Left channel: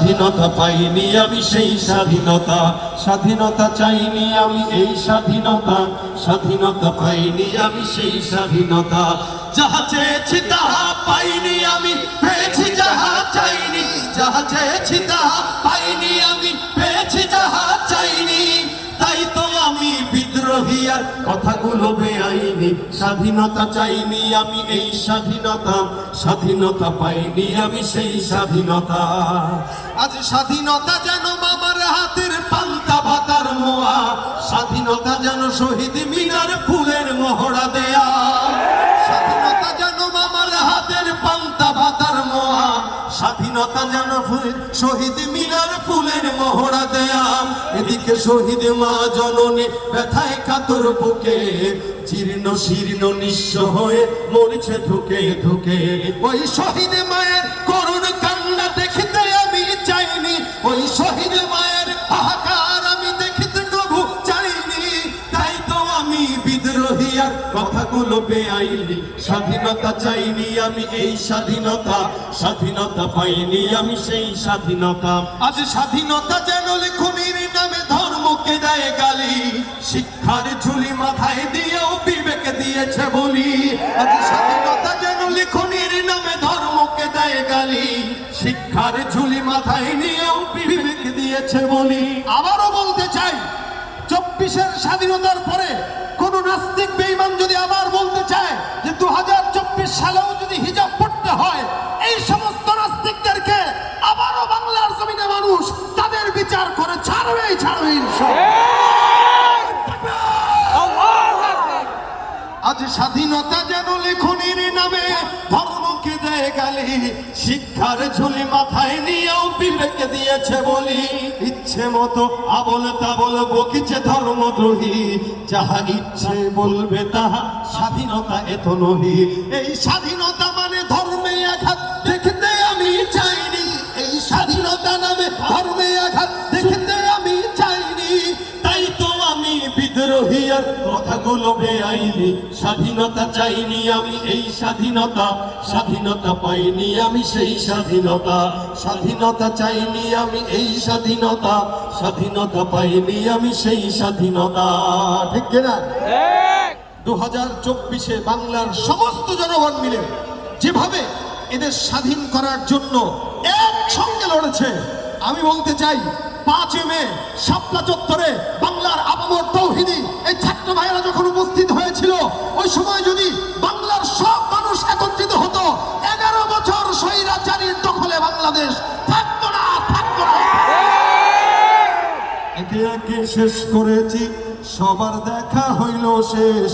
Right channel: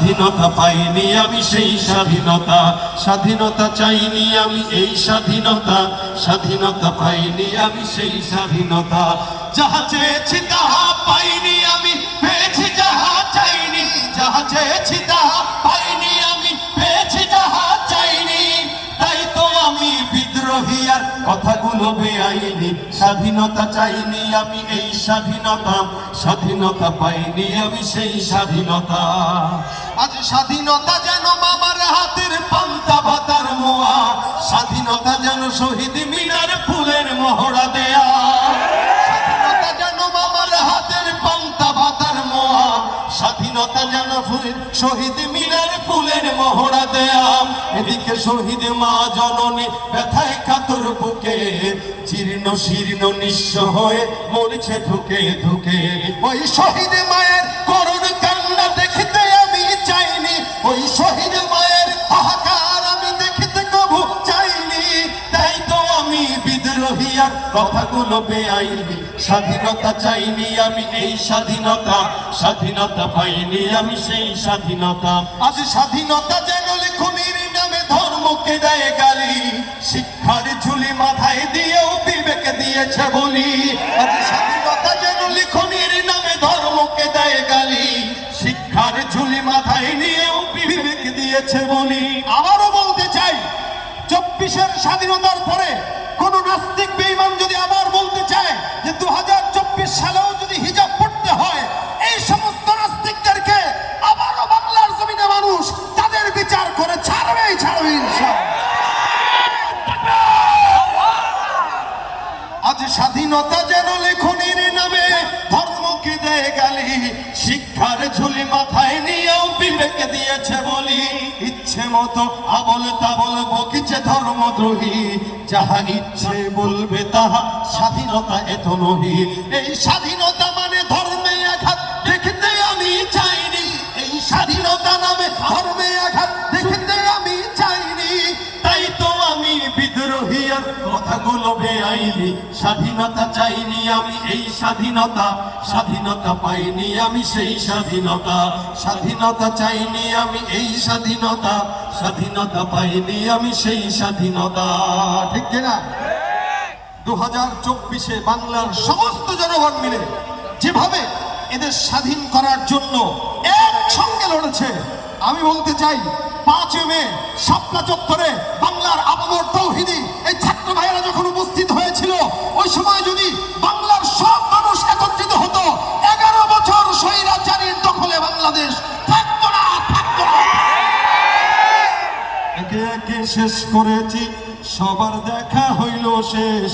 স্বাধীনতা পাইনি আমি সেই স্বাধীনতা, স্বাধীনতা চাইনি আমি এই স্বাধীনতা, স্বাধীনতা পাইনি আমি সেই স্বাধীনতা। যাহা চেয়েছি তাহা পাইনি আমি, পেয়েছি যাহা চাইনি, যাহা চেয়েছি তাহা পাইনি আমি, পেয়েছি যাহা চাইনি। তাই তো আমি বিদ্রোহী আর কথাগুলো বেআইনি, স্বাধীনতা চাইনি আমি এই স্বাধীনতা, স্বাধীনতা পাইনি আমি সেই স্বাধীনতা। আজ স্বাধীনতা যেন মামার হাতের পান্তা ভাতার মোয়া, স্বাধীনতা যেন শহীদ মিনার ফুলের মহড়া দেয়া, স্বাধীনতা যেন মামার হাতের পান্তা ভাতার মোয়া, স্বাধীনতা যেন শহীদ মিনার ফুলের মহড়া দেয়া। এদিকে শহীদ মা জননী ব্যথায় কাতর বুকে, জীর্ণ শীর্ণ নিঃস্ব হয়ে মরছে ধুকে ধুকে। ওই শহীদ মায়ের করুণ কান্না দেখিতে আমি চাইনি, ওই শহীদ মায়ের হাহাকার আমি দেখিতে কবু চাইনি। তাই তো আমি বিদ্রোহী আর কথাগুলো বেআইনি, স্বাধীনতা চাইনি আমি এই স্বাধীনতা, স্বাধীনতা পাইনি আমি সেই স্বাধীনতা। আজ স্বাধীনতা যেন লেখনির নামে ধর্মকে দেয় গালি, শিক্ষার ঝুলি মাথায় দিয়েও বিবেক দিয়েছে বলি। আজ স্বাধীনতা যেন লেখনির নামে ধর্মকে দেয় গালি, শিক্ষার ঝুলি মাথায় নিয়েও বিবেক দিয়েছে বলি। আবারও বলতে চাই, 24-এর স্বাধীনতার পরে কোন নাস্তিক বেঈমান যদি আবার বলতে চায় যে 2024 সালেও যদি হিজাব পড়তে হয়, এই সমস্ত নাস্তিকদেরকে আবারও বাংলার জমিনে মানুষ তাদের বিচার করে ছাড়বেই ছাড়বে ইনশাআল্লাহ। আজ স্বাধীনতা যেন লেখনির নামে ধর্মকে দেয় গালি, শিক্ষার ঝুলি মাথায় নিয়েও বিবেক দিয়েছে বলি। ইচ্ছে মতো আবল তাবল বকিছে ধর্মদ্রোহী, যাহা ইচ্ছে বলবে তাহা স্বাধীনতা এত নহি। এই স্বাধীনতা মানে ধর্মে আঘাত দেখতে আমি চাইনি, এই স্বাধীনতা নামে ধর্মে আঘাত দেখতে আমি চাইনি। তাই তো আমি বিদ্রোহী আর কথাগুলো বেআইনি, স্বাধীনতা চাইনি আমি এই স্বাধীনতা, স্বাধীনতা পাইনি আমি সেই স্বাধীনতা। স্বাধীনতা চাইনি আমি এই স্বাধীনতা, স্বাধীনতা পাইনি আমি সেই স্বাধীনতা। ঠিক কিনা? 2024-এ বাংলার সমস্ত জনগণ মিলে যেভাবে এদের স্বাধীন করার জন্য একসঙ্গে লড়েছে, আমি বলতে চাই 5 মে শাপলা চত্বরে বাংলার আপামর তৌহিদি এই ছাত্র ভাইয়েরা যখন উপস্থিত হয়েছিল, ওই সময় যদি বাংলার সব মানুষ একত্রিত হতো, 11 বছর স্বৈরাচারীর দখলে বাংলাদেশ থাকতো না, থাকতো না। একে একে শেষ করেছি, সবার দেখা হইল শেষ।